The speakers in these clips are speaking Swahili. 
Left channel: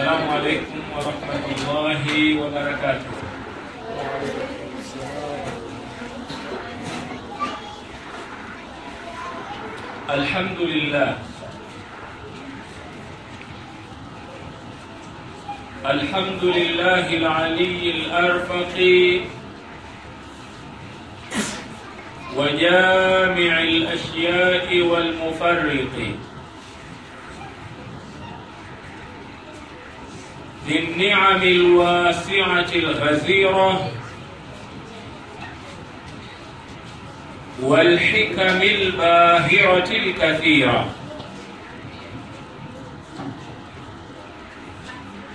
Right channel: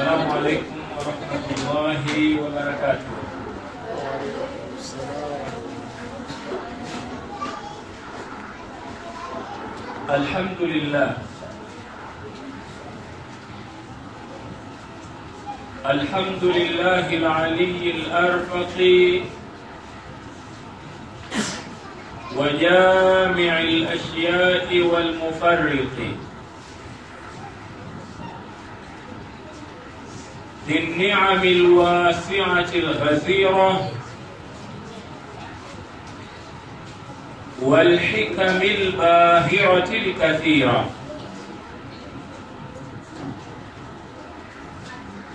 السلام عليكم ورحمة الله وبركاته. الحمد لله الحمد لله العلي الأرفق وجامع الأشياء والمفرق ذي النعم الواسعة الغزيرة والحكم الباهرة الكثيرة،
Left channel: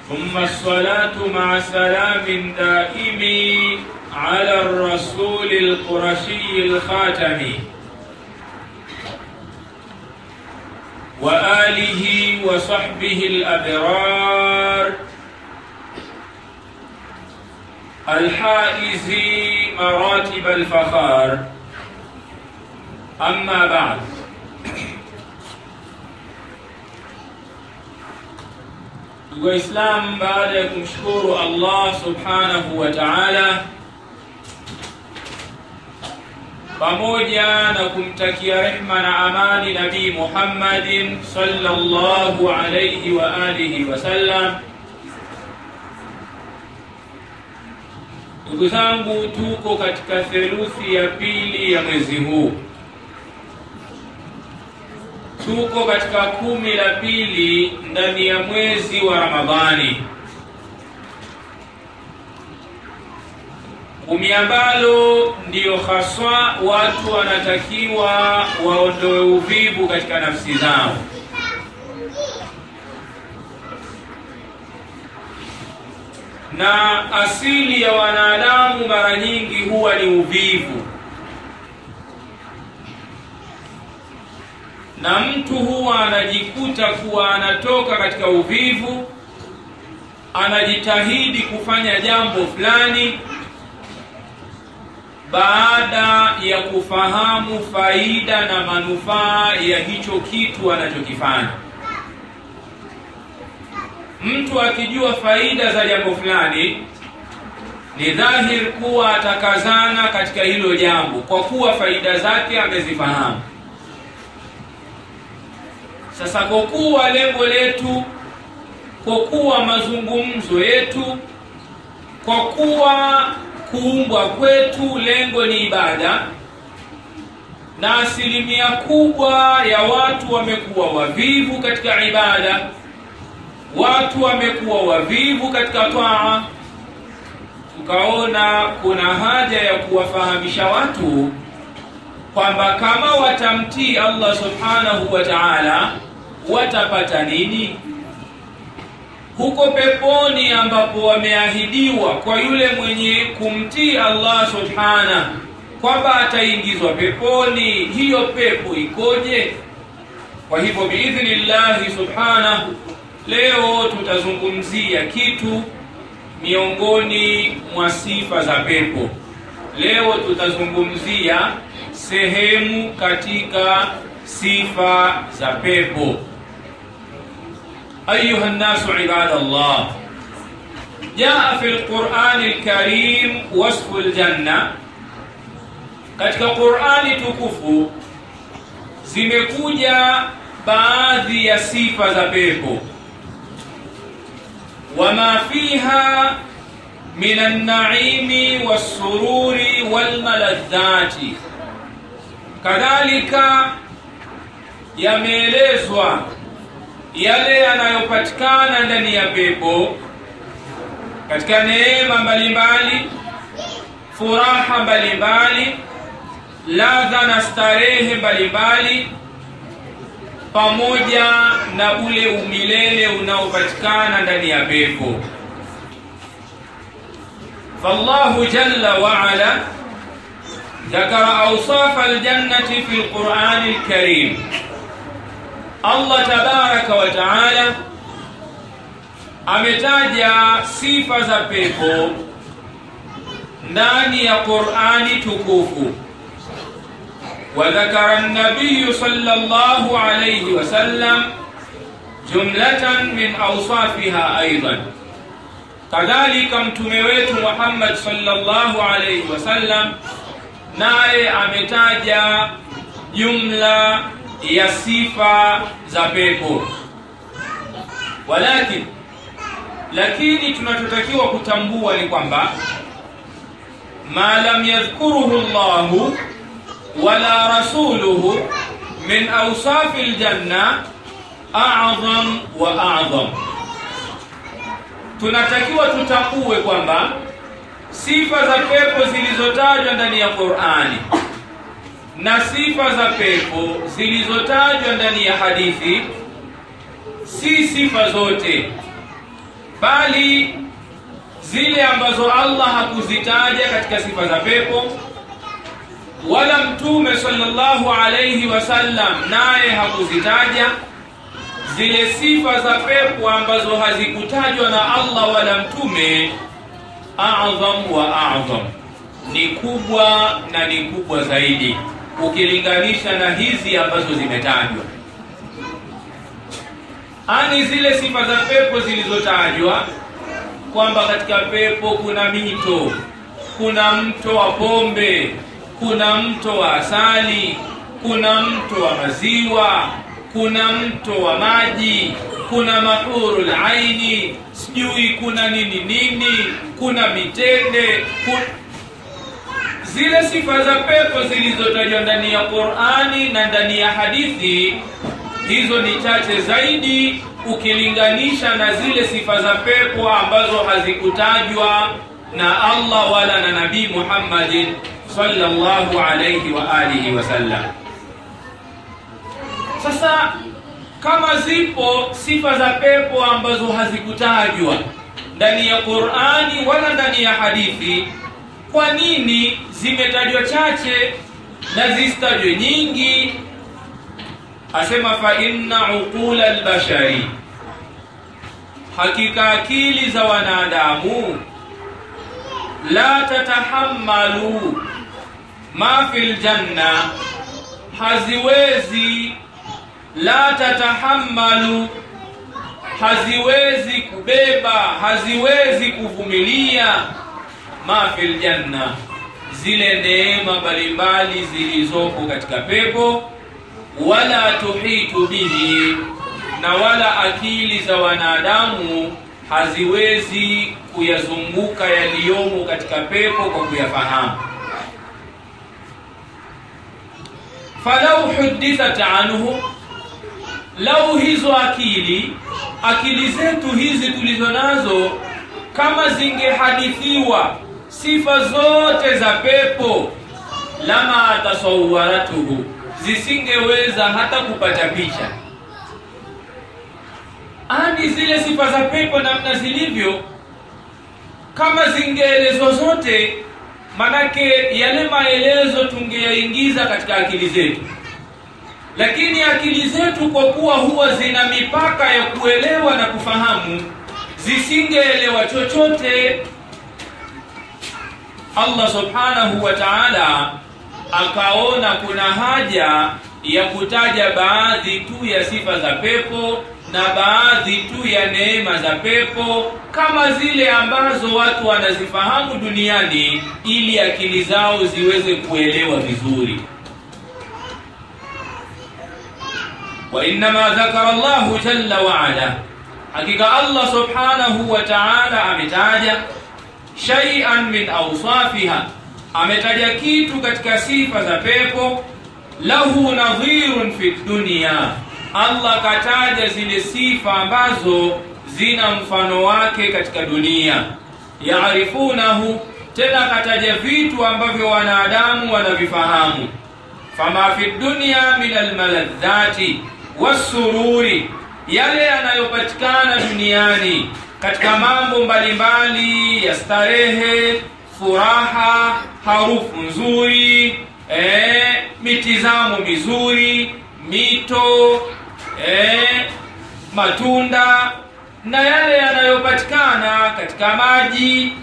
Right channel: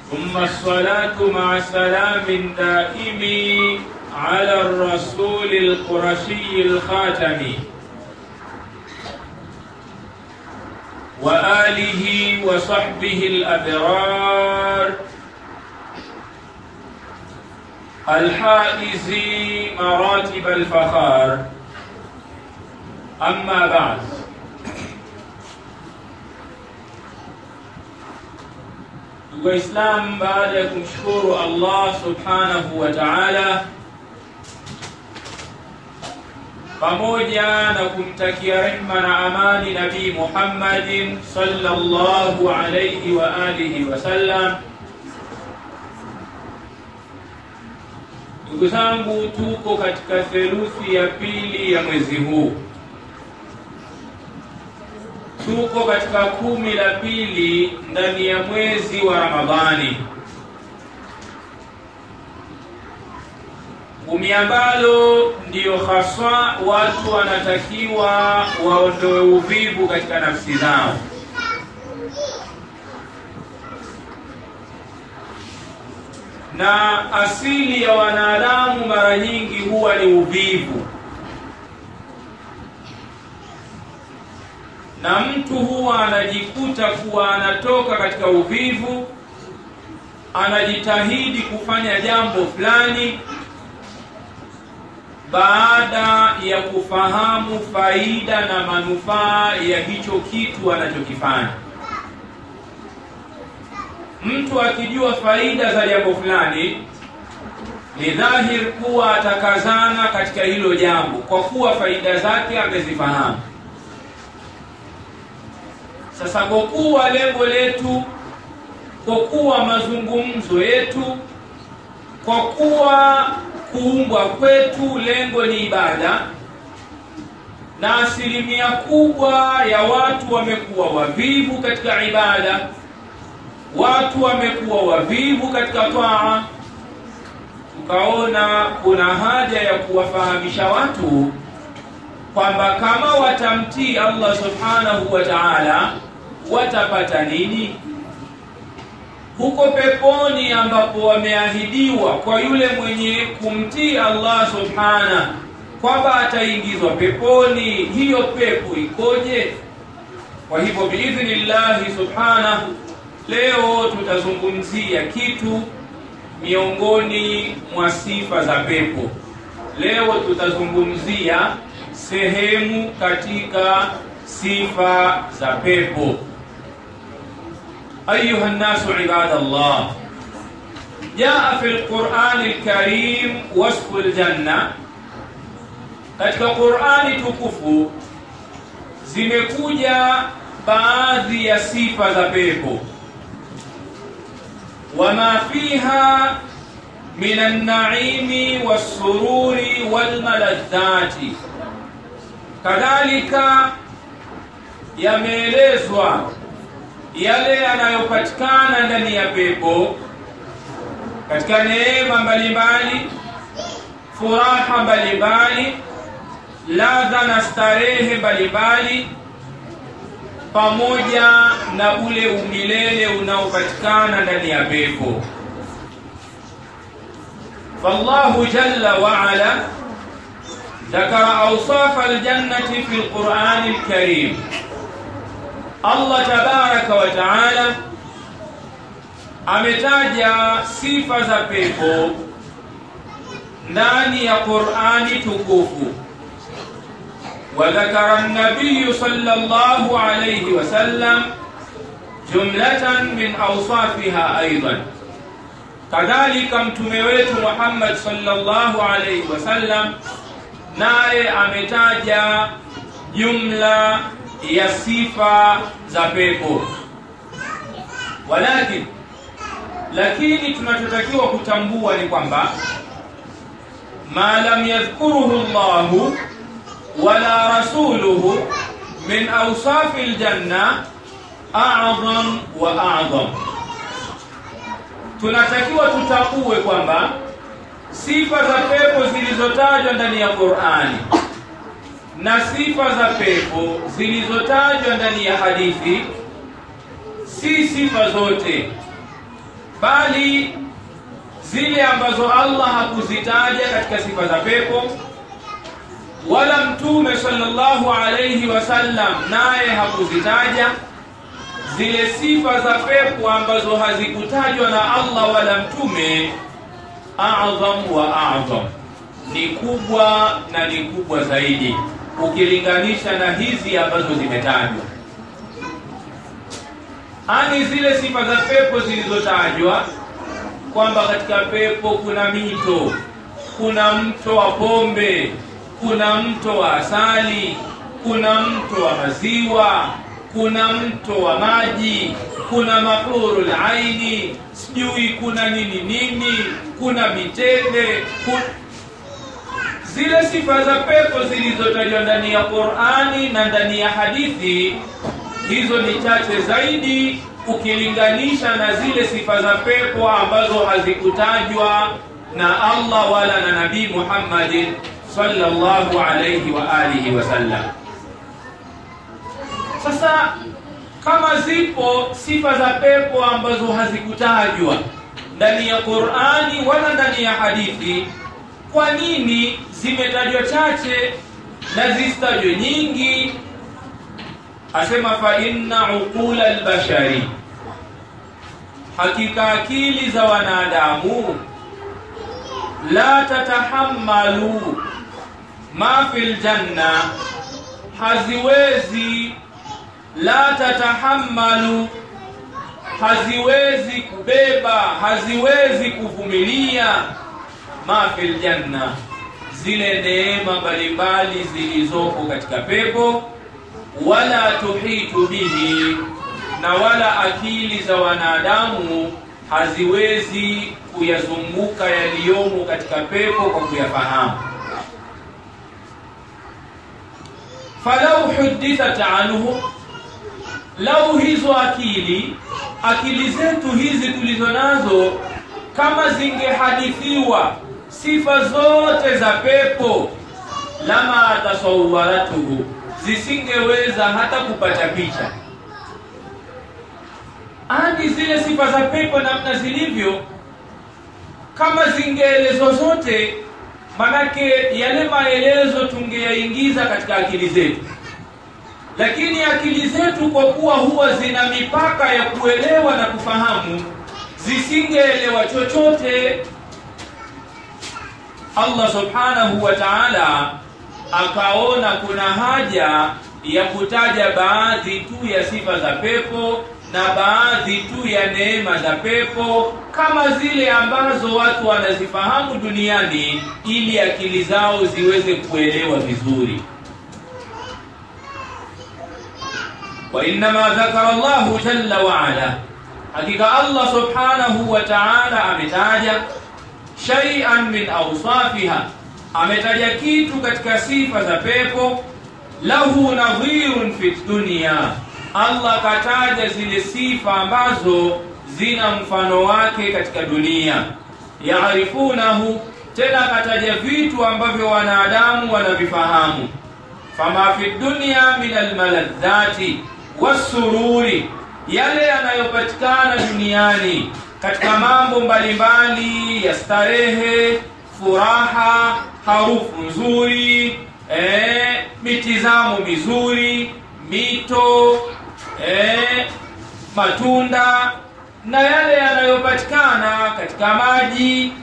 ثم الصلاة مع سلام دائم على الرسول القرشي الخاتم وآله وصحبه الأبرار الحائز مراتب الفخار. أما بعد، Waislamu, baada ya kumshukuru Allah subhanahu wa ta'ala pamoja na kumtakia rehma na amani Nabii Muhammadin sallallahu alayhi wa alihi wasallam, ndugu zangu, tuko katika theluthi ya pili ya mwezi huu. Tuko katika 10 la pili ndani ya mwezi wa Ramadhani, 10 ambalo ndiyo haswa watu wanatakiwa waondoe uvivu katika nafsi zao. Na asili ya wanadamu mara nyingi huwa ni uvivu, na mtu huwa anajikuta kuwa anatoka katika uvivu, anajitahidi kufanya jambo fulani baada ya kufahamu faida na manufaa ya hicho kitu anachokifanya. Mtu akijua faida za jambo fulani, ni dhahiri kuwa atakazana katika hilo jambo kwa kuwa faida zake amezifahamu. Sasa kwa kuwa lengo letu, kwa kuwa mazungumzo yetu, kwa kuwa kuumbwa kwetu lengo ni ibada, na asilimia kubwa ya watu wamekuwa wavivu katika ibada, watu wamekuwa wavivu katika taa, tukaona kuna haja ya kuwafahamisha watu kwamba kama watamtii Allah subhanahu wa ta'ala watapata nini huko peponi, ambapo wameahidiwa kwa yule mwenye kumtii Allah subhanahu kwamba ataingizwa peponi. Hiyo pepo ikoje? Kwa hivyo biidhnillah subhanahu, leo tutazungumzia kitu miongoni mwa sifa za pepo. Leo tutazungumzia sehemu katika sifa za pepo. أيها الناس عباد الله، جاء في القرآن الكريم وصف الجنة. katika Qur'ani tukufu zimekuja baadhi ya sifa za pepo, wama fiha min an-na'imi was-sururi wal-maladhati. Kadhalika yameelezwa yale yanayopatikana ndani ya pepo katika neema mbalimbali, furaha mbalimbali, ladha na starehe mbalimbali, pamoja na ule umilele unaopatikana ndani ya pepo. Fallahu jalla wa ala dhakara awsaf aljannati fi alqur'ani alkarim. Allah tabaraka wa taala ametaja sifa za pepo ndani ya Qur'ani tukufu. Wa dhakara an-nabiy sallallahu alayhi wasallam jumlatan min awsafiha aidan. Kadhalika mtume wetu Muhammad sallallahu alayhi wasallam naye ametaja jumla ya sifa za pepo. Lakini tunachotakiwa kutambua ni kwamba ma lam yadhkuruhu Allahu wala rasuluhu min awsafil janna a'zam wa a'zam. Tunatakiwa tutambue kwamba sifa za pepo zilizotajwa ndani ya Qur'ani na sifa za pepo zilizotajwa ndani ya hadithi si sifa zote, bali zile ambazo Allah hakuzitaja katika sifa za pepo wala mtume sallallahu alayhi wasallam naye hakuzitaja. Zile sifa za pepo ambazo hazikutajwa na Allah wala mtume, a'zam wa a'zam, ni kubwa na ni kubwa zaidi ukilinganisha na hizi ambazo zimetajwa. Ani zile sifa za pepo zilizotajwa kwamba katika pepo kuna mito, kuna mto wa pombe, kuna mto wa asali, kuna mto wa maziwa, kuna mto wa maji, kuna mahurul aini, sijui kuna nini, kuna mitende, zile sifa za pepo zilizotajwa ndani ya Qur'ani na ndani ya hadithi, hizo ni chache zaidi ukilinganisha na zile sifa za pepo ambazo hazikutajwa na Allah wala na Nabii Muhammad sallallahu alayhi wa alihi wasallam. Sasa kama zipo sifa za pepo ambazo hazikutajwa ndani ya Qur'ani wala ndani ya hadithi, kwa nini zimetajwa chache na zisitajwe nyingi? Asema fa inna uqula albashari, hakika akili za wanadamu, la tatahammalu ma fil janna, haziwezi kubeba, haziwezi kuvumilia ma fil janna, zile neema mbalimbali zilizopo katika pepo, wala tuhitu bihi, na wala akili za wanadamu haziwezi kuyazunguka yaliyomo katika pepo kwa kuyafahamu. Falau hudithat anhu, lau hizo akili zetu hizi tulizonazo kama zingehadithiwa sifa zote za pepo, lama tasawwaratuhu, zisingeweza hata kupata picha. Ani zile sifa za pepo namna zilivyo, kama zingeelezwa zote, manake yale maelezo tungeyaingiza katika akili zetu. Lakini akili zetu kwa kuwa huwa zina mipaka ya kuelewa na kufahamu, zisingeelewa chochote. Allah subhanahu wa ta'ala akaona kuna haja ya kutaja baadhi tu ya sifa za pepo na baadhi tu ya neema za pepo, kama zile ambazo watu wanazifahamu duniani, ili akili zao ziweze kuelewa vizuri. Wa inma dhakara Allahu jalla wa ala, hakika Allah subhanahu wa ta'ala ametaja shay'an min awsafiha, ametaja kitu katika sifa za pepo, lahu nadhirun fi dunya, Allah kataja zile sifa ambazo zina mfano wake katika dunia. Yaarifunahu, tena kataja vitu ambavyo wanadamu wanavifahamu. Fama fi dunya min almaladhati wasururi, yale yanayopatikana duniani katika mambo mbalimbali ya starehe, furaha, harufu nzuri, mitizamo mizuri, mito, matunda, na yale yanayopatikana katika maji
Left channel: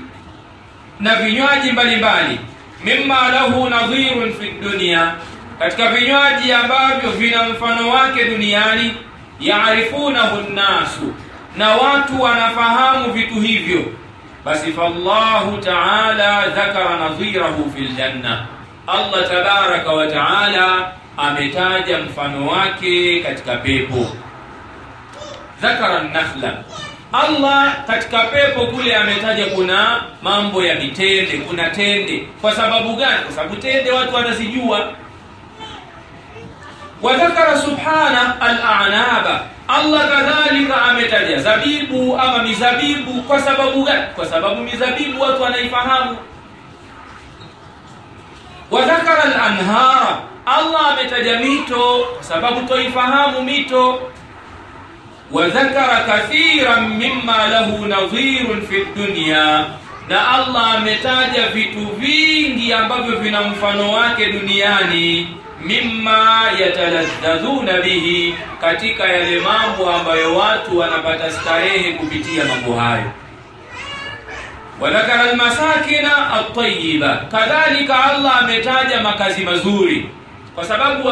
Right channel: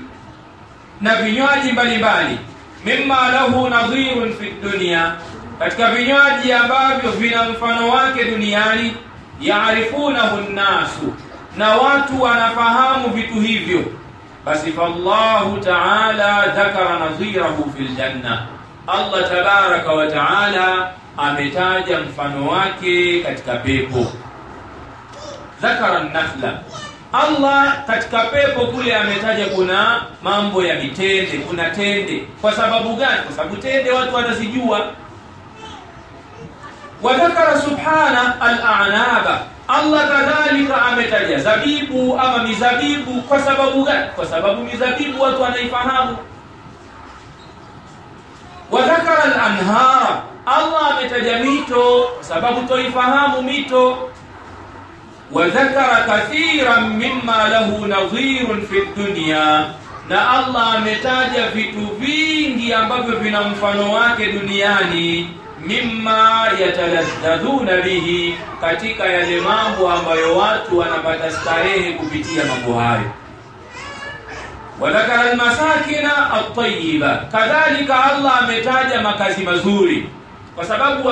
na vinywaji mbalimbali. Mimma lahu nadhirun fi dunya, katika vinywaji ambavyo vina mfano wake duniani. yaarifunahu an-nasu, na watu wanafahamu vitu hivyo, basi fallahu ta'ala dhakara nadhirahu fil janna, Allah tabaraka wa ta'ala ametaja mfano wake katika pepo. Dhakara an-nakhla, Allah katika pepo kule ametaja kuna mambo ya mitende, kuna tende. Kwa sababu gani? Kwa sababu tende watu wanazijua. Wa dhakara subhana al-a'naba, Allah kadhalika ametaja zabibu ama mizabibu. Kwa sababu gani? Kwa sababu mizabibu watu wanaifahamu. Wa dhakara al-anhara, Allah ametaja mito kwa sababu tuifahamu mito. Wa dhakara kathiran mimma lahu nadhirun fi dunya, na Allah ametaja vitu vingi ambavyo vina mfano wake duniani. Mimma yatalazzadhuna bihi, katika yale mambo ambayo watu wanapata starehe kupitia mambo hayo. Wa dhakara almasakina at-tayyiba, kadhalika Allah ametaja makazi mazuri, kwa sababu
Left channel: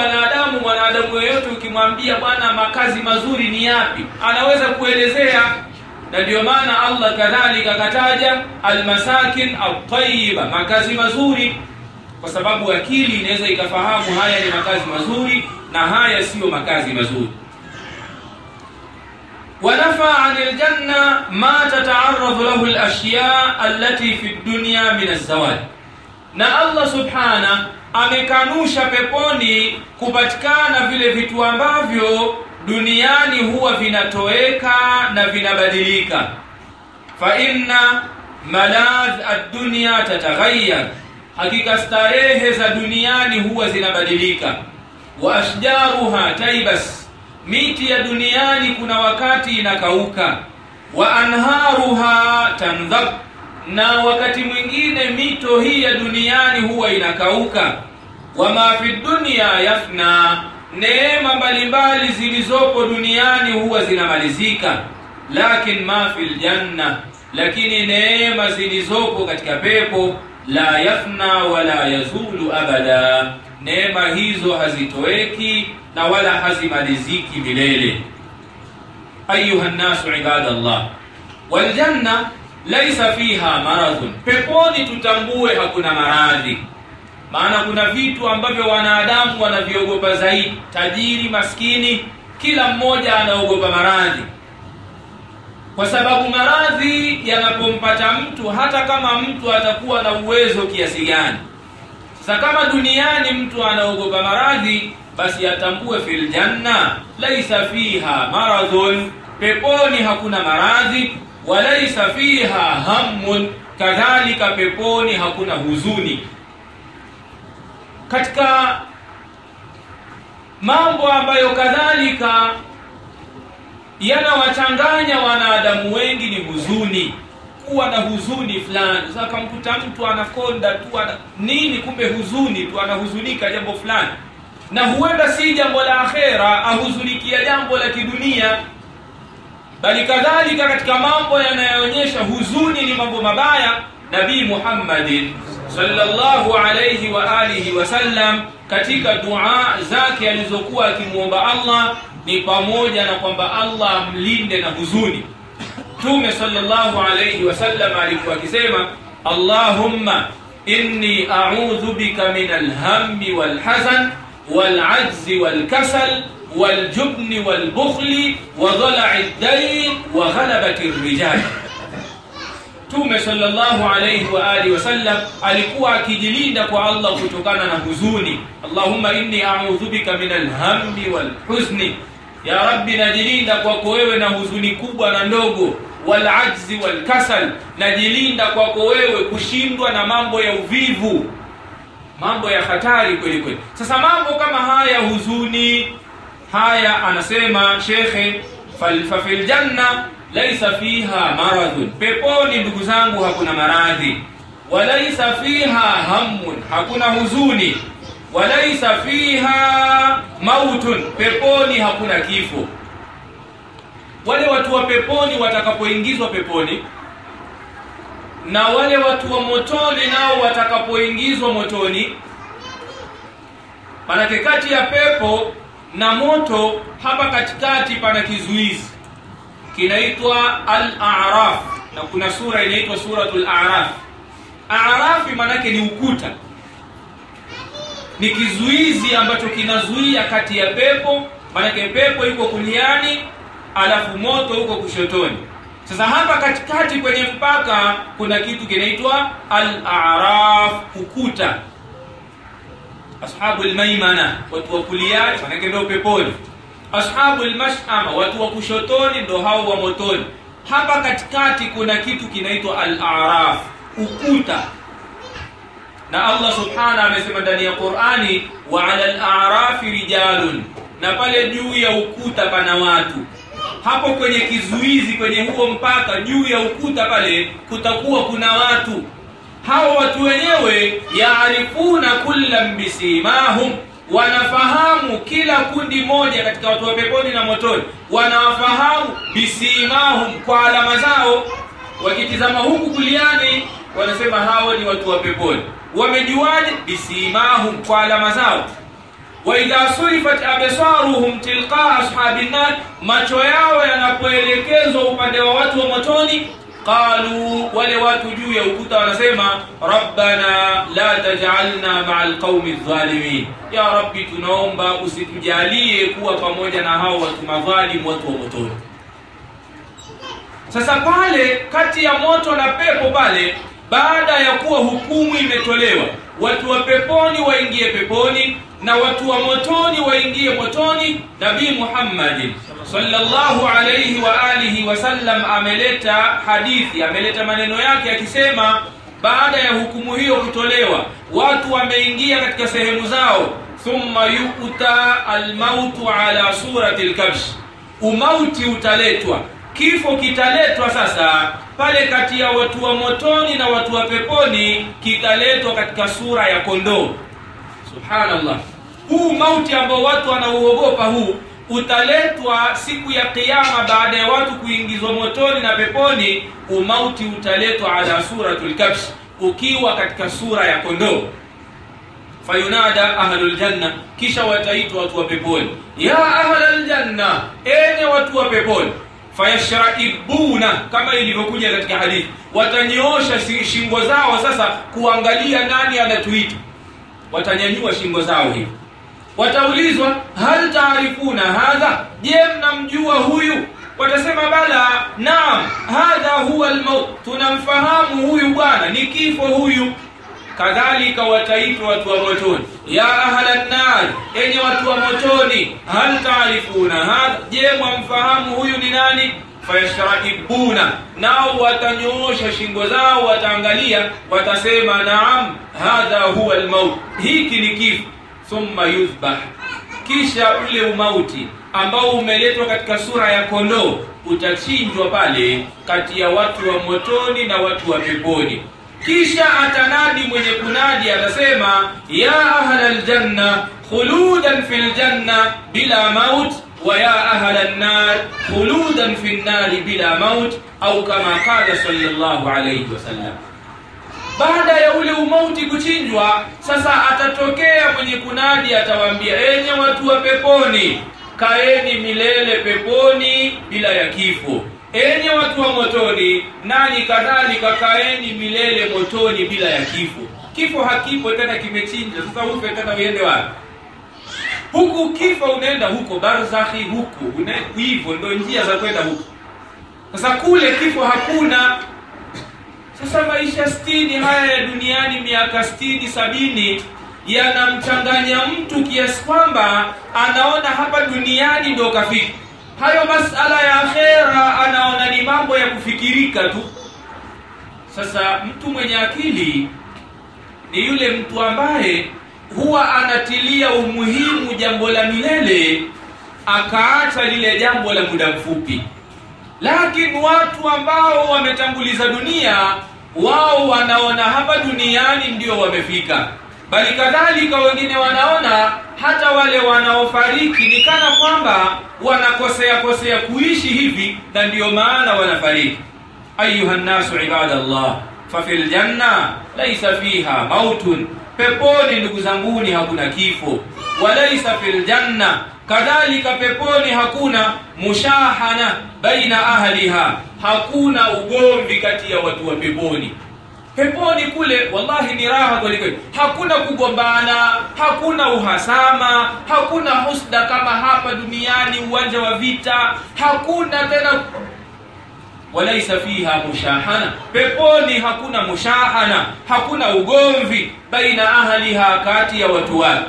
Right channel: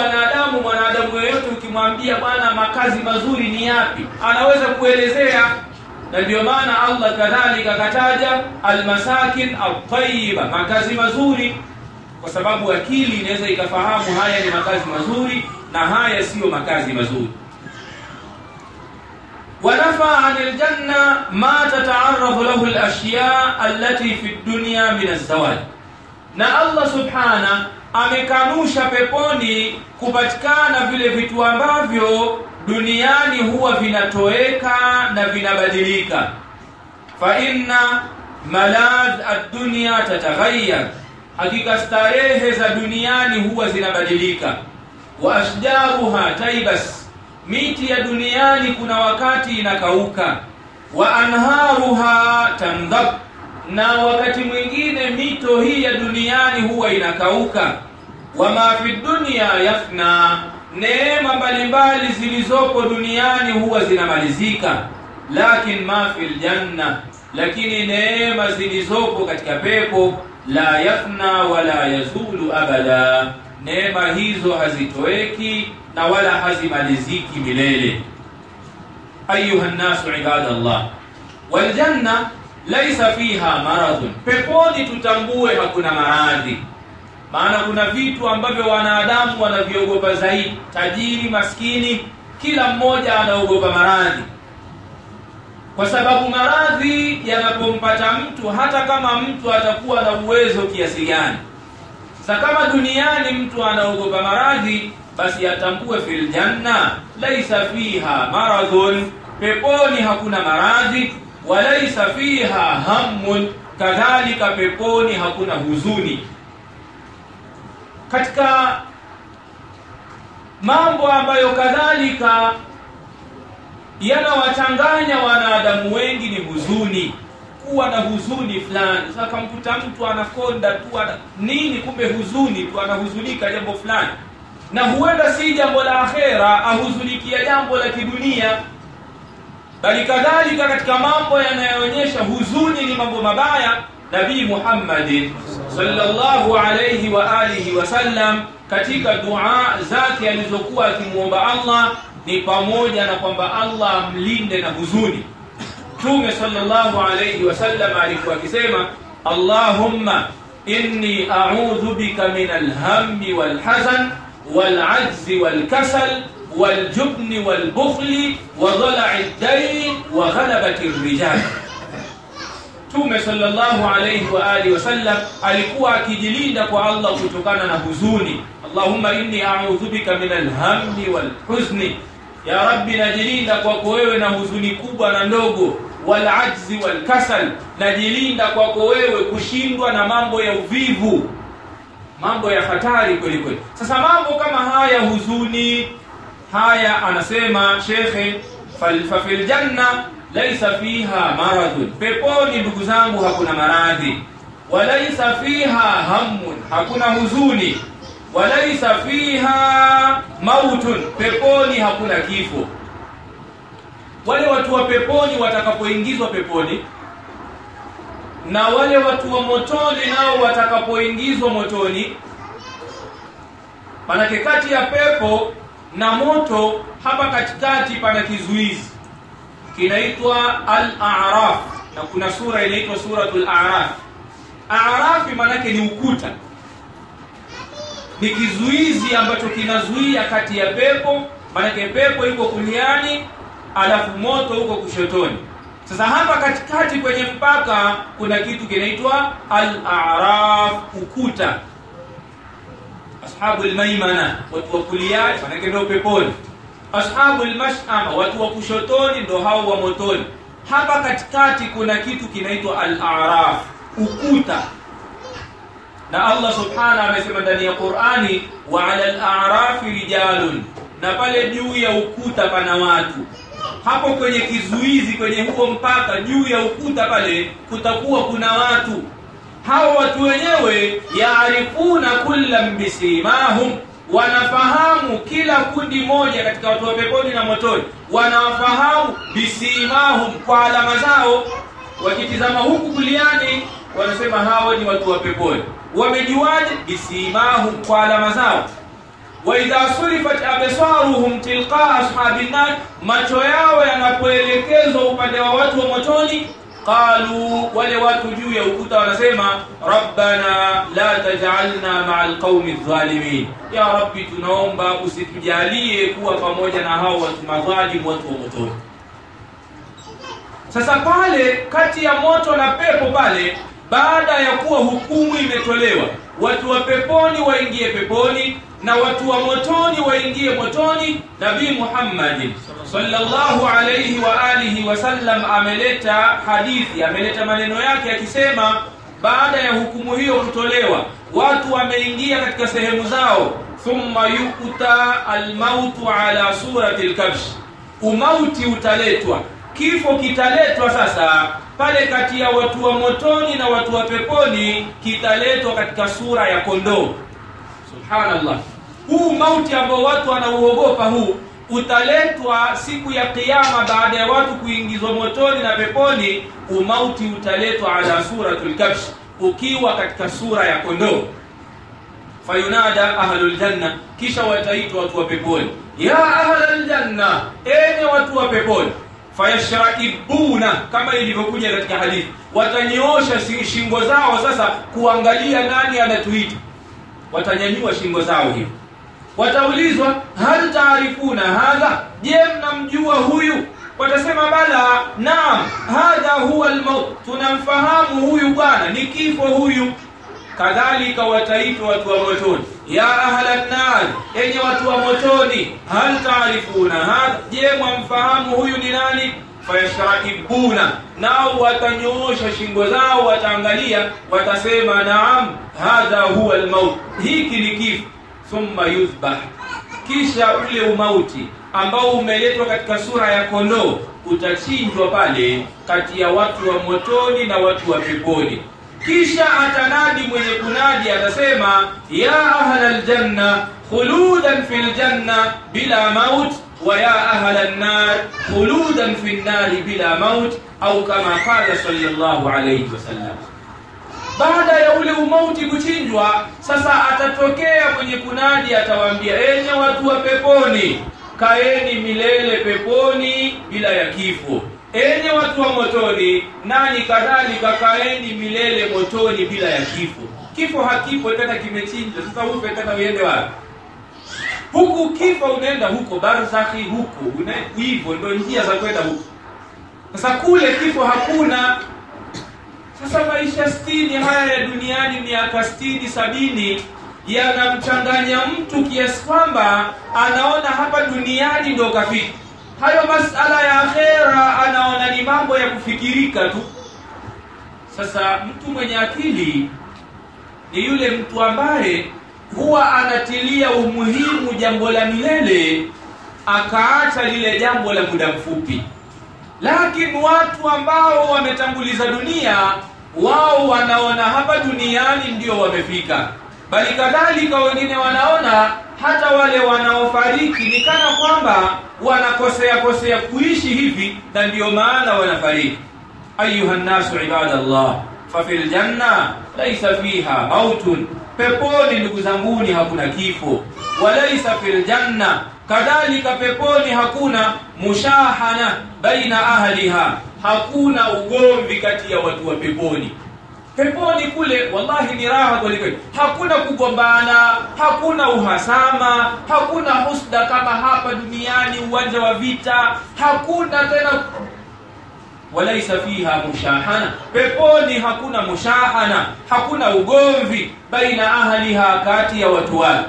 mwanadamu yeyote ukimwambia bwana makazi mazuri ni yapi, anaweza kuelezea. Na ndio maana Allah kadhalika kataja almasakin at-tayyiba, makazi mazuri, kwa sababu akili inaweza ikafahamu haya ni makazi mazuri na haya sio makazi mazuri. Wanafa 'anil janna ma tata'arradu lahu al-ashya' allati fi ad-dunya min az-zawal, na Allah subhana amekanusha peponi kupatikana vile vitu ambavyo duniani huwa vinatoweka na vinabadilika. Fa inna maladh ad-dunya tataghayyar, hakika starehe za duniani huwa zinabadilika. Wa ashjaruha taibas, miti ya duniani kuna wakati inakauka. Wa anharuha tandhab, na wakati mwingine mito hii ya duniani huwa inakauka. Wa ma fi dunya yafna, neema mbalimbali zilizopo duniani huwa zinamalizika. Lakin ma fil janna, lakini neema zilizopo katika pepo la yafna wala yazulu abada, neema hizo hazitoweki na wala hazimaliziki milele. Ayuha an-nasu ibadallah, wal janna laysa fiha maradhun, peponi tutambue hakuna maradhi. Maana kuna vitu ambavyo wanadamu wanaviogopa zaidi, tajiri, maskini, kila mmoja anaogopa maradhi, kwa sababu maradhi yanapompata mtu, hata kama mtu atakuwa na uwezo kiasi gani. Sasa kama duniani mtu anaogopa maradhi, basi atambue fil janna laysa fiha maradhun, peponi hakuna maradhi. Walaysa fiha hammun, kadhalika peponi hakuna huzuni. Katika mambo ambayo kadhalika yanawachanganya wanadamu wengi ni huzuni, kuwa na huzuni fulani. Sasa kamkuta mtu anakonda tu nini, kumbe huzuni tu, anahuzunika jambo fulani, na huenda si jambo la akhera, ahuzunikia jambo la kidunia. Bali kadhalika katika mambo yanayoonyesha huzuni ni mambo mabaya, Nabii Muhammadin sallallahu alayhi wa alihi wasallam katika dua zake alizokuwa akimuomba Allah ni pamoja na kwamba Allah amlinde na huzuni. Mtume sallallahu alayhi wasallam alikuwa akisema, Allahumma inni a'udhu bika min al-hammi wal-hazan wal-'ajzi wal-kasal wal-jubni wal-bukhli wa dhala'i ad-dayn wa ghalabati ar-rijal. Mtume sallallahu alayhi wa alihi wasallam alikuwa akijilinda kwa Allah kutokana na huzuni. Allahumma inni a'udhu bika min al-hammi wal-huzni, ya Rabbi najilinda kwako wewe na huzuni kubwa na ndogo. Wal-ajzi wal-kasal, najilinda kwako wewe kushindwa na mambo ya uvivu, mambo ya hatari kweli kweli. Sasa mambo kama haya, huzuni haya, anasema shekhe, fil janna laysa fiha maradhun, peponi ndugu zangu hakuna maradhi. Walaysa fiha hammun, hakuna huzuni. Walaysa fiha mautun, peponi hakuna kifo. Wale watu wa peponi watakapoingizwa peponi, na wale watu wa motoni nao watakapoingizwa motoni, manake kati ya pepo na moto. Hapa katikati pana kizuizi kinaitwa Al-A'raf, na kuna sura inaitwa Suratul A'raf. A'raf manake ni ukuta, ni kizuizi ambacho kinazuia kati ya pepo, manake pepo iko kuliani alafu moto uko kushotoni. Sasa hapa katikati kwenye mpaka kuna kitu kinaitwa Al-A'raf, ukuta. Ashabul maimana, watu wa kuliani, manake ndio peponi. Ashabul mash'ama, watu wa kushotoni, ndio hao wa motoni. Hapa katikati kuna kitu kinaitwa Al-A'raf, ukuta. Na Allah subhanahu amesema ndani ya Qur'ani, wa 'ala al-a'rafi rijalun, na pale juu ya ukuta pana watu. Hapo kwenye kizuizi, kwenye huo mpaka, juu ya ukuta pale kutakuwa kuna watu. Hao watu wenyewe yaarifuna kullam bisimahum, wanafahamu kila kundi moja katika watu wa peponi na motoni, wanawafahamu bisimahum, kwa alama zao. Wakitizama huku kuliani wanasema hao ni watu wa peponi. Wamejuaje? Bisimahum, kwa alama zao. Wa idha surifat absaruhum tilqa ashabin nar, macho yao yanapoelekezwa upande wa watu wa motoni, qalu, wale watu juu ya ukuta wanasema, rabbana la taj'alna ma'al qaumi adh-dhalimin, ya rabbi tunaomba usitujalie kuwa pamoja na hao watu madhalimu, watu wa motoni. Sasa pale kati ya moto na pepo pale, baada ya kuwa hukumu imetolewa, watu wa peponi waingie peponi na watu wa motoni waingie motoni, Nabii Muhammad sallallahu alayhi wa alihi wasallam ameleta hadithi, ameleta maneno yake akisema, baada ya hukumu hiyo kutolewa, watu wameingia katika sehemu zao, thumma yu'ta al-mautu ala surati al-kabsh, umauti utaletwa, kifo kitaletwa. Sasa pale kati ya watu wa motoni na watu wa peponi kitaletwa katika sura ya kondoo. Subhanallah, huu mauti ambao watu wanauogopa huu utaletwa siku ya kiyama. Baada ya watu kuingizwa motoni na peponi, umauti utaletwa ala suratul kabsh, ukiwa katika sura ya kondoo. Fayunada ahlul janna, kisha wataitwa watu wa peponi, ya ahlal janna, enye watu wa peponi. Fayashraibuna, kama ilivyokuja katika hadithi, watanyoosha shingo zao sasa kuangalia nani anatuita. Watanyanyua shingo zao hivi, wataulizwa, hal taarifuna hadha, je mnamjua huyu? Watasema bala, naam, hadha huwa al-maut, tunamfahamu huyu bwana, ni kifo huyu. Kadhalika wataitwa watu wa motoni, ya ahlan nar, enye watu wa motoni, hal taarifuna hadha, je mwamfahamu huyu ni nani? Fayashraibuna, nao watanyoosha shingo zao, wataangalia, watasema, naam, hadha huwa al-maut, hiki ni kifo. Thumma yuzbah, kisha ule umauti ambao umeletwa katika sura ya kondoo utachinjwa pale kati ya watu wa motoni na watu wa peponi. Kisha atanadi mwenye kunadi, atasema, ya ahlal janna khuludan fil janna bila maut, wa ya ahlan nar khuludan fil nar bila maut, au kama qala sallallahu alayhi wasallam. Baada ya ule umauti kuchinjwa, sasa atatokea mwenye kunadi, atawaambia, enye watu wa peponi, kaeni milele peponi bila ya kifo. Enye watu wa motoni, nani kadhalika kaeni milele motoni bila ya kifo. Kifo hakipo tena, kimechinjwa. Sasa ufe tena uende wapi? Huku kifo unaenda huko barzakhi, huko hivyo ndio njia za kwenda huko. Sasa kule kifo hakuna. Sasa maisha 60 haya ya duniani, miaka 60 70, yanamchanganya mtu kiasi kwamba anaona hapa duniani ndio kafika. Hayo masala ya akhera anaona ni mambo ya kufikirika tu. Sasa mtu mwenye akili ni yule mtu ambaye huwa anatilia umuhimu jambo la milele, akaacha lile jambo la muda mfupi. Lakini watu ambao wametanguliza dunia, wao wanaona hapa duniani ndio wamefika. Bali kadhalika wengine wanaona hata wale wanaofariki ni kana kwamba wanakosea kuishi hivi, na ndio maana wanafariki. Ayuha nasu ibadallah, fa fil janna laysa fiha mautun, peponi ndugu zanguni hakuna kifo. Walaysa fil janna Kadhalika peponi hakuna mushahana baina ahliha, hakuna ugomvi kati ya watu wa peponi. Peponi kule wallahi ni raha kweli. Hakuna kugombana, hakuna uhasama, hakuna husda kama hapa duniani, uwanja wa vita, hakuna tena. Walaisa fiha mushahana, peponi hakuna mushahana, hakuna ugomvi baina ahliha, kati ya watu wake.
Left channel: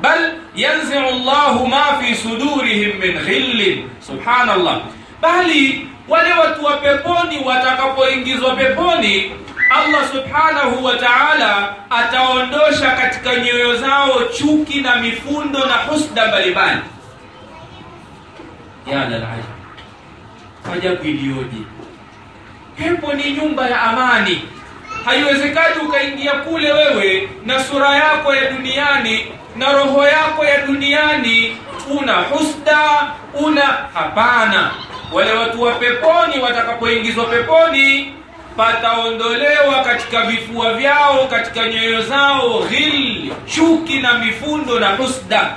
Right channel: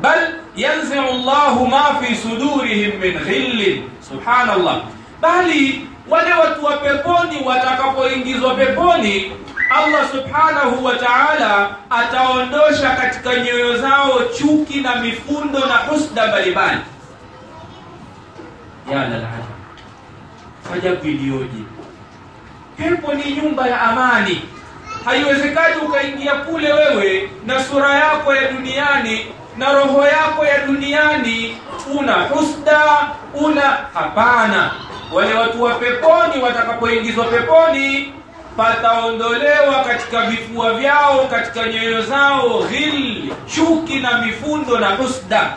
Bal yanzi'u Allahu ma fi sudurihim min ghillin, subhanallah. Bali wale watu wa peponi watakapoingizwa peponi, Allah subhanahu wa ta'ala ataondosha katika nyoyo zao chuki na mifundo na husda mbalimbali. Ya lalai, ajabu iliyoje! Pepo ni nyumba ya amani. Haiwezekani ukaingia kule wewe na sura yako ya duniani na roho yako ya duniani una husda, hapana. Wale watu wa peponi watakapoingizwa peponi, pataondolewa katika vifua vyao, katika nyoyo zao ghil, chuki na mifundo na husda,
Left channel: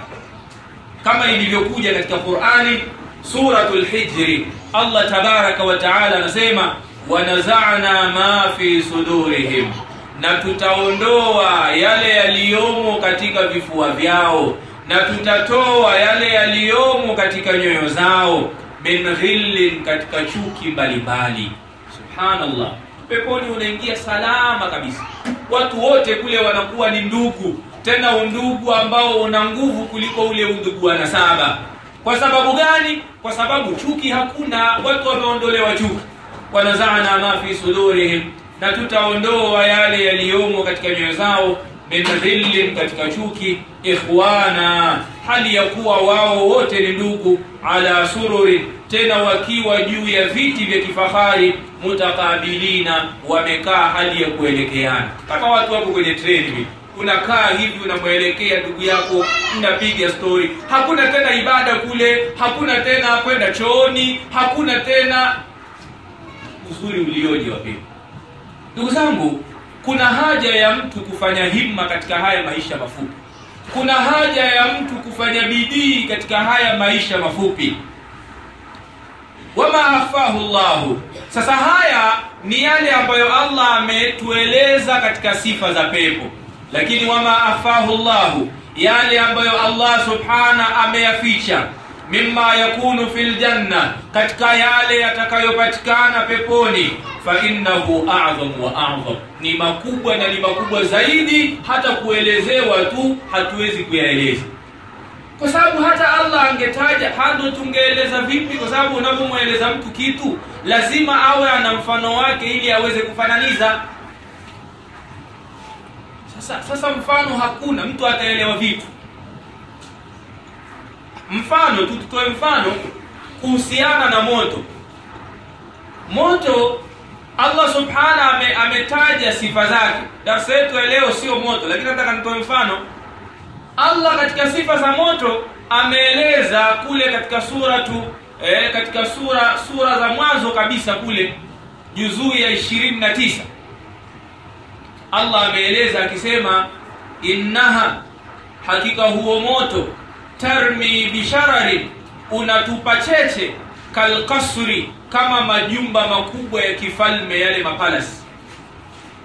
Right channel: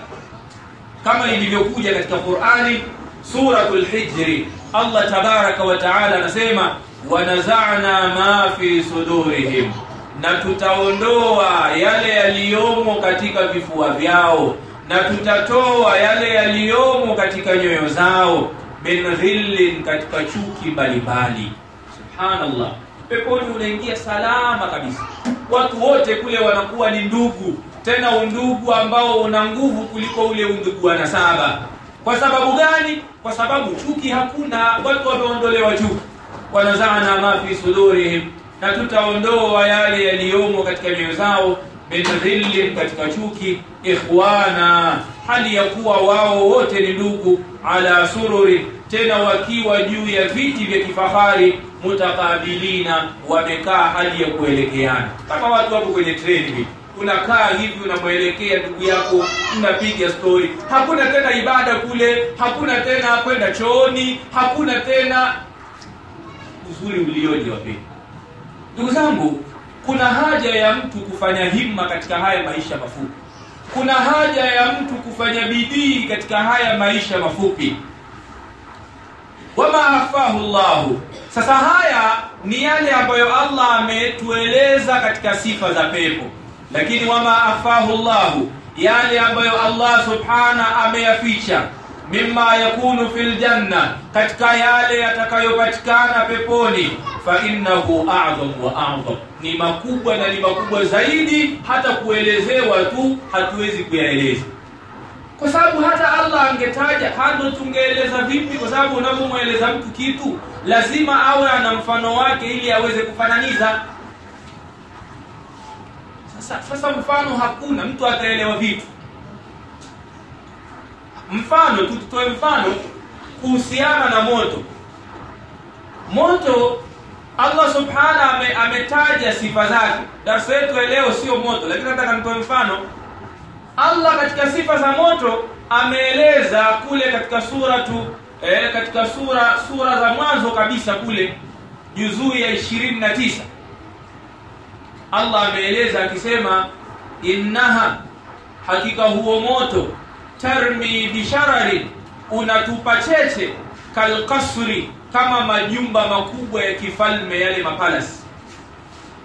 kama ilivyokuja katika Qur'ani suratul Hijri. Allah tabaraka wa taala anasema wanaza'na ma fi sudurihim, na tutaondoa yale yaliyomo katika vifua vyao, na tutatoa yale yaliyomo katika nyoyo zao, min ghillin, katika chuki mbalimbali. Subhanallah, peponi unaingia salama kabisa. Watu wote kule wanakuwa ni ndugu, tena undugu ambao una nguvu kuliko ule undugu wa nasaba. Kwa sababu gani? Kwa sababu chuki hakuna, watu wameondolewa chuki. Wanazana ma fi sudurihim, na tutaondoa yale yaliyomo katika nyoyo zao, min dhillin, katika chuki, ikhwana, hali ya kuwa wao wote ni ndugu, ala sururi, tena wakiwa juu ya viti vya kifahari, mutakabilina, wamekaa hali ya kuelekeana. Kama watu wako kwenye treni, unakaa hivi unamwelekea ndugu yako, unapiga story. Hakuna tena ibada kule, hakuna tena kwenda chooni, hakuna tena. Uzuri ulioje wapenzi. Ndugu zangu, kuna haja ya mtu kufanya himma katika haya maisha mafupi. Kuna haja ya mtu kufanya bidii katika haya maisha mafupi. Wama akhfahu Allahu. Sasa haya ni yale ambayo Allah ametueleza katika sifa za pepo. Lakini wama akhfahu Allahu, yale ambayo Allah subhana ameyaficha, mimma yakunu fil janna, katika yale yatakayopatikana peponi, fa innahu a'zam wa a'zam, ni makubwa na ni makubwa zaidi, hata kuelezewa tu hatuwezi kuyaeleza. Kwa sababu hata Allah angetaja, hado tungeeleza vipi? Kwa sababu unapomweleza mtu kitu lazima awe ana mfano wake ili aweze kufananiza. Sasa mfano hakuna, mtu ataelewa vipi? Mfano tutoe mfano kuhusiana na moto. Moto Allah subhana ametaja sifa zake. Darasa yetu leo sio moto, lakini nataka nitoe mfano. Allah katika sifa za moto ameeleza kule katika katika sura za mwanzo kabisa kule juzuu ya 29. Allah ameeleza akisema, innaha, hakika huo moto, tarmi bisharari, unatupa cheche, kalqasri, kama majumba makubwa ya kifalme, yale mapalasi.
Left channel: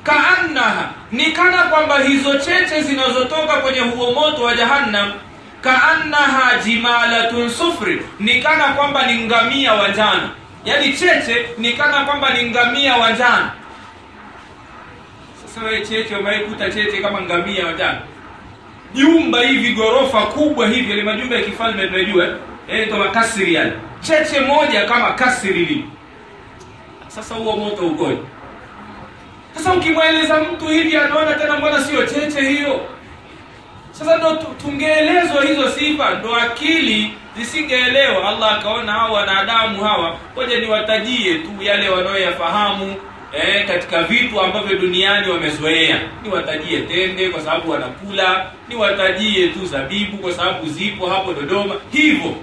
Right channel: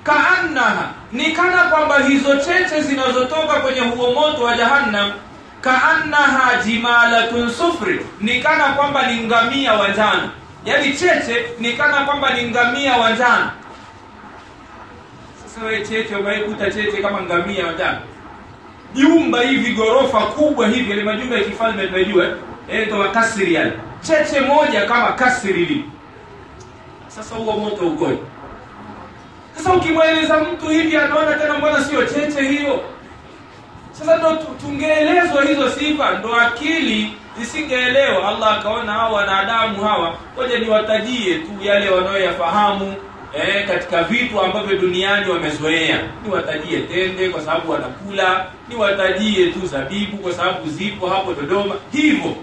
Kaannaha, ni kana kwamba hizo cheche zinazotoka kwenye huo moto wa jahannam, kaannaha jimalatun sufri, ni kana kwamba ni ngamia wa njano. Yani cheche ni kana kwamba ni ngamia wa njano. Sasa wewe cheche umeikuta cheche kama ngamia wa njano? Jumba hivi gorofa kubwa hivi, ile majumba ya kifalme tunajua, ndio makasiri yale. Cheche moja kama kasiri hivi. Sasa huo moto ukoje? Sasa ukimweleza mtu hivi anaona tena mbona sio cheche hiyo. Sasa ndo tungeelezwa hizo sifa, ndo akili zisingeelewa. Allah akaona hawa wanadamu hawa, ngoja niwatajie tu yale wanaoyafahamu katika vitu ambavyo duniani wamezoea. Niwatajie tende kwa sababu wanakula, niwatajie tu zabibu kwa sababu zipo hapo Dodoma, hivyo.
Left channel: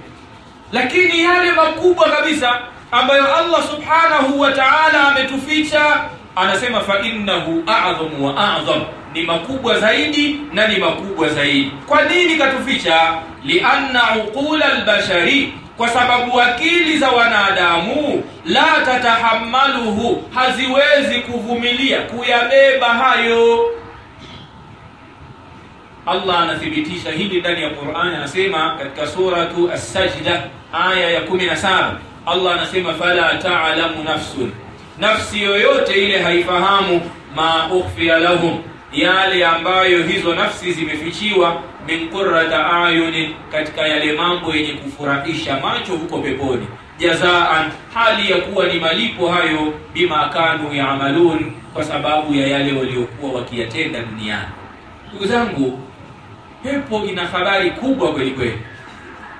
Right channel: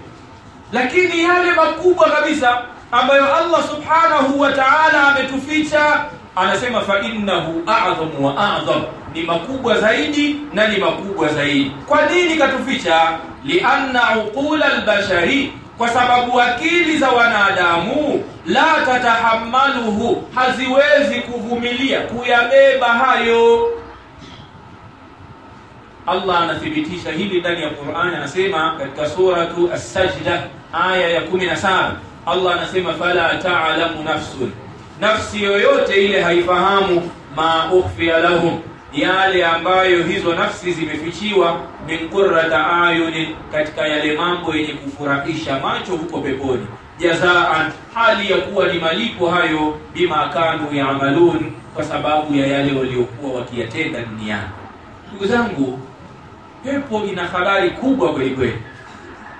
Lakini yale makubwa kabisa ambayo Allah subhanahu wa ta'ala ametuficha, anasema fa innahu a'zamu wa a'zam, ni makubwa zaidi na ni makubwa zaidi. Kwa nini katuficha? Lianna uqula albashari, kwa sababu akili za wanadamu la tatahammaluhu, haziwezi kuvumilia kuyabeba hayo. Allah anathibitisha hili ndani ya Qur'an, anasema katika suratu As-Sajda aya ya 17, Allah anasema fala ta'lamu nafsun, nafsi yoyote ile haifahamu ma ukhfiya lahum, yale ambayo hizo nafsi zimefichiwa, min qurrata ayunin, katika yale mambo yenye kufurahisha macho huko peponi, jazaan, hali ya kuwa ni malipo hayo, bima kanu yaamalun, kwa sababu ya yale waliokuwa wakiyatenda duniani. Ndugu zangu, pepo ina habari kubwa kweli kweli.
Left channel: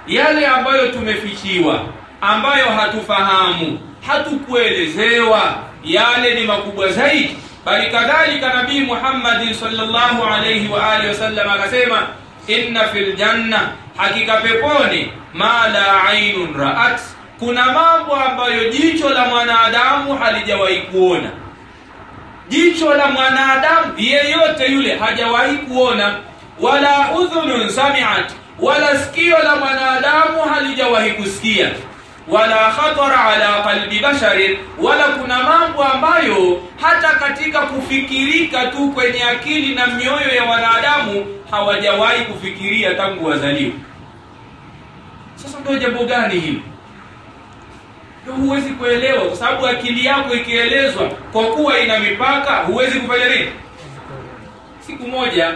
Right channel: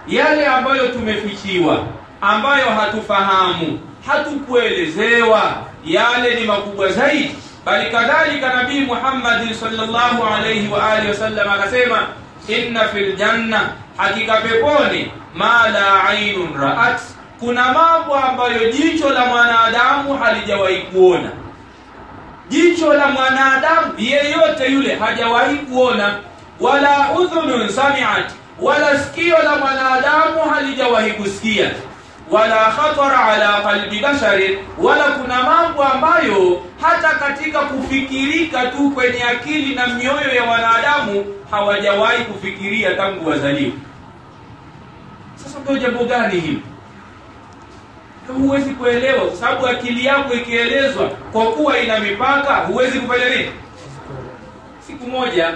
Yale ambayo tumefichiwa, ambayo hatufahamu, hatukuelezewa, yale ni makubwa zaidi. Bali kadhalika Nabii Muhammad sallallahu alayhi wa alihi wasallam akasema, inna fil janna, hakika peponi, ma la ainun ra'at, kuna mambo ambayo jicho la mwanadamu halijawahi kuona. Jicho la mwanadamu yeyote yule hajawahi kuona, wala udhunun sami'at, wala sikio la mwanadamu halijawahi kusikia, wala khatara ala qalbi bashari, wala kuna mambo ambayo hata katika kufikirika tu kwenye akili na mioyo ya wanadamu hawajawahi kufikiria tangu wazaliwa. Sasa ndio jambo gani hili? Ndio huwezi kuelewa, kwa sababu akili yako ikielezwa kwa kuwa ina mipaka, huwezi kufanya nini? Siku moja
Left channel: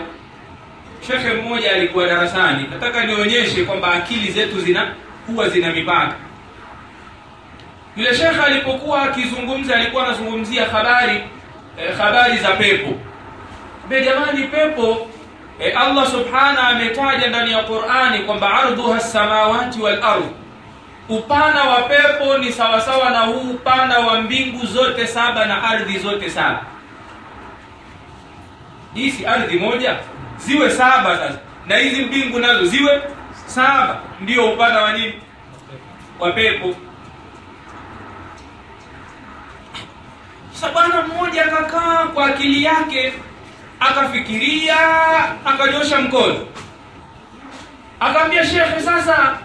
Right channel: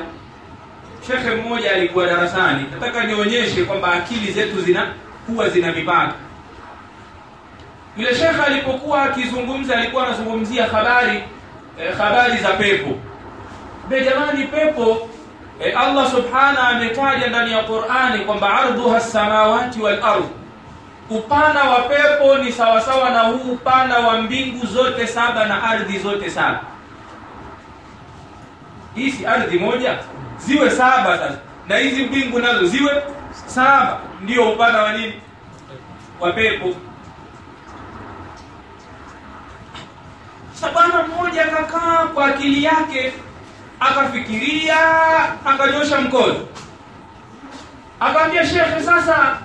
shekhe mmoja alikuwa darasani, nataka nionyeshe kwamba akili zetu huwa zina mipaka. Yule shekhe alipokuwa akizungumza, alikuwa anazungumzia habari za pepo. Jamani, pepo Allah subhanahu ametaja ndani ya Qur'ani kwamba ardhuha as-samawati wal ardh, upana wa pepo ni sawasawa na huu upana wa mbingu zote saba na ardhi zote saba. Hizi ardhi moja ziwe saba sasa, na hizi mbingu nazo ziwe saba, ndio upana wa nini? Wa pepo. Sabana mmoja akakaa kwa akili yake, akafikiria, akanyosha mkono, akamwambia shekhe, sasa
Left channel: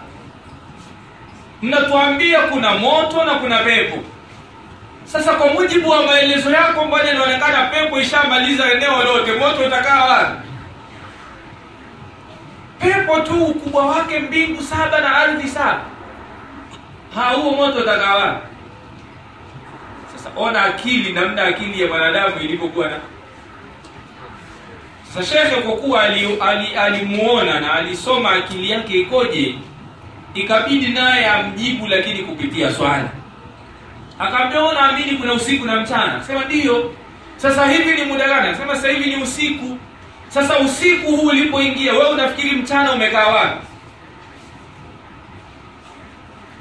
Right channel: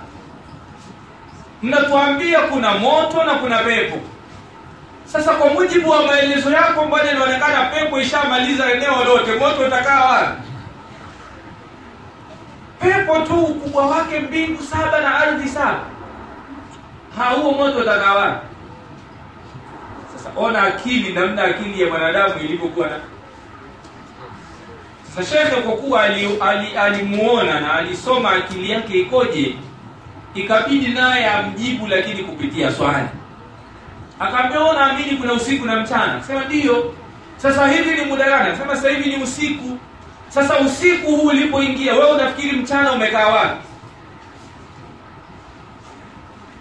mnatuambia kuna moto na kuna pepo. Sasa kwa mujibu wa maelezo yako, mbona inaonekana pepo ishamaliza eneo lote, moto utakaa wapi? Pepo tu ukubwa wake mbingu saba na ardhi saba, huo moto utakaa wapi? Sasa ona akili, namna akili ya mwanadamu ilivyokuwa na. Sasa shekhe kwa kuwa alimuona na alisoma akili yake ikoje, ikabidi naye amjibu, lakini kupitia swali. Akamwambia, unaamini kuna usiku na mchana? Akasema ndio. Sasa hivi ni muda gani? Akasema sasa hivi ni usiku. Sasa usiku huu ulipoingia, wewe unafikiri mchana umekaa wapi?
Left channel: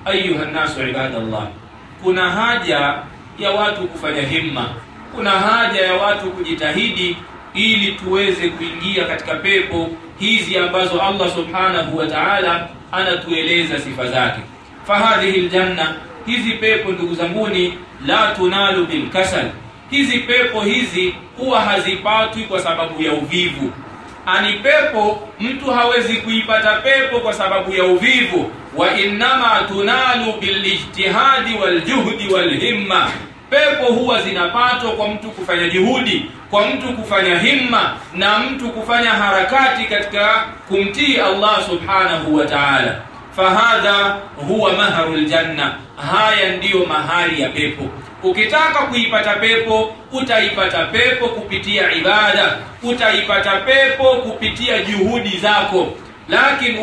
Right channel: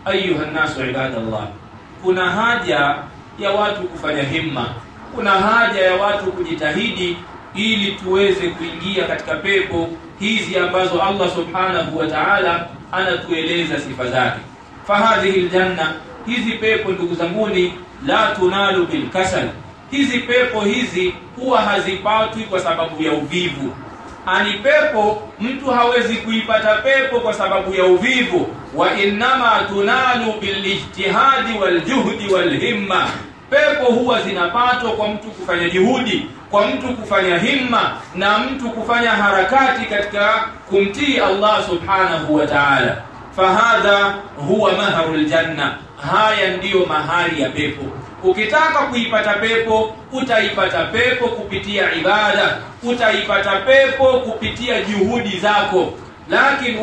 Ayuha nasu ibadallah, kuna haja ya watu kufanya himma, kuna haja ya watu kujitahidi ili tuweze kuingia katika pepo hizi ambazo Allah subhanahu wa ta'ala anatueleza sifa zake. Fahadhihi aljanna, hizi pepo ndugu zanguni, la tunalu bil kasal, hizi pepo hizi huwa hazipatwi kwa sababu ya uvivu. Ani pepo mtu hawezi kuipata pepo kwa sababu ya uvivu, wa innama tunalu bil ijtihadi wal juhdi wal himma. Pepo huwa zinapatwa kwa mtu kufanya juhudi, kwa mtu kufanya himma, na mtu kufanya harakati katika kumtii Allah subhanahu wa ta'ala. Fahadha huwa maharul janna, haya ndiyo mahari ya pepo. Ukitaka kuipata pepo, utaipata pepo kupitia ibada, utaipata pepo kupitia juhudi zako. Lakini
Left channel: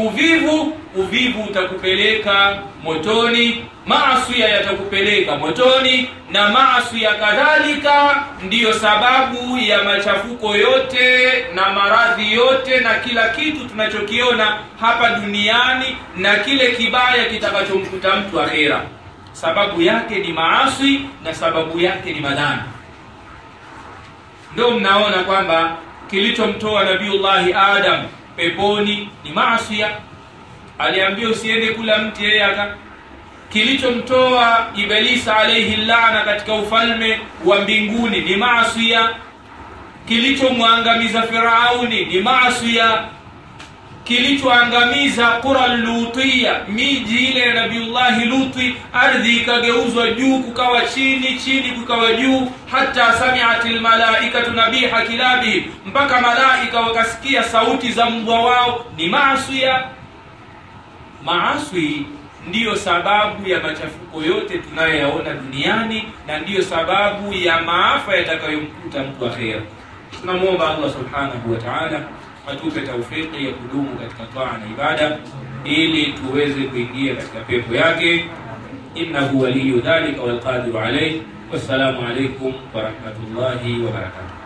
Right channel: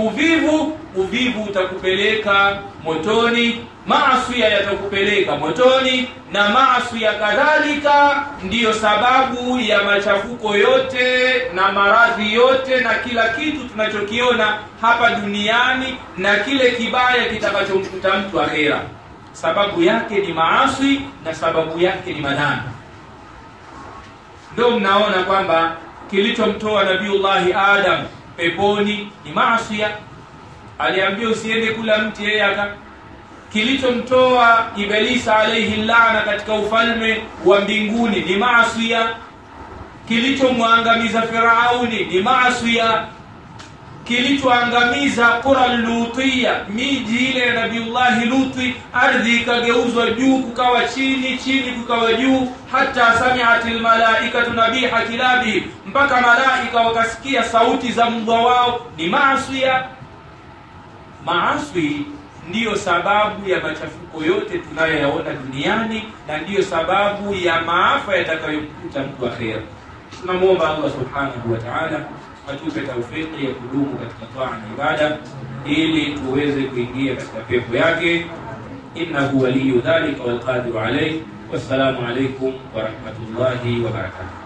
uvivu utakupeleka motoni, maasi yatakupeleka motoni, na maasi kadhalika ndiyo sababu ya machafuko yote na maradhi yote na kila kitu tunachokiona hapa duniani na kile kibaya kitakachomkuta mtu akhera. Sababu yake ni maasi na sababu yake ni madhambi. Ndio mnaona kwamba kilichomtoa Nabiullahi Adam peponi ni maasi. Aliambiwa usiende kula mti, yeye kilichomtoa Ibilisi alayhi laana katika ufalme wa mbinguni ni maasi, kilichomwangamiza Firauni ni maasi, kilichoangamiza qura Lutia, miji ile ya Nabiullahi Luti, ardhi ikageuzwa juu kukawa chini, chini kukawa juu, hata sami'atil malaikatu nabiha kilabi, mpaka malaika wakasikia sauti za mbwa wao, ni maasi. Maasi ndiyo sababu ya machafuko yote tunayoyaona duniani, na ndiyo sababu ya maafa yatakayomkuta mtu akhera. Tunamuomba Allah subhanahu wa ta'ala atupe taufiki ya kudumu katika taa na ibada, ili tuweze kuingia katika pepo yake. Innahu waliyyu dhalika wal qadiru alayhi. Wassalamu alaykum wa rahmatullahi wa barakatuh.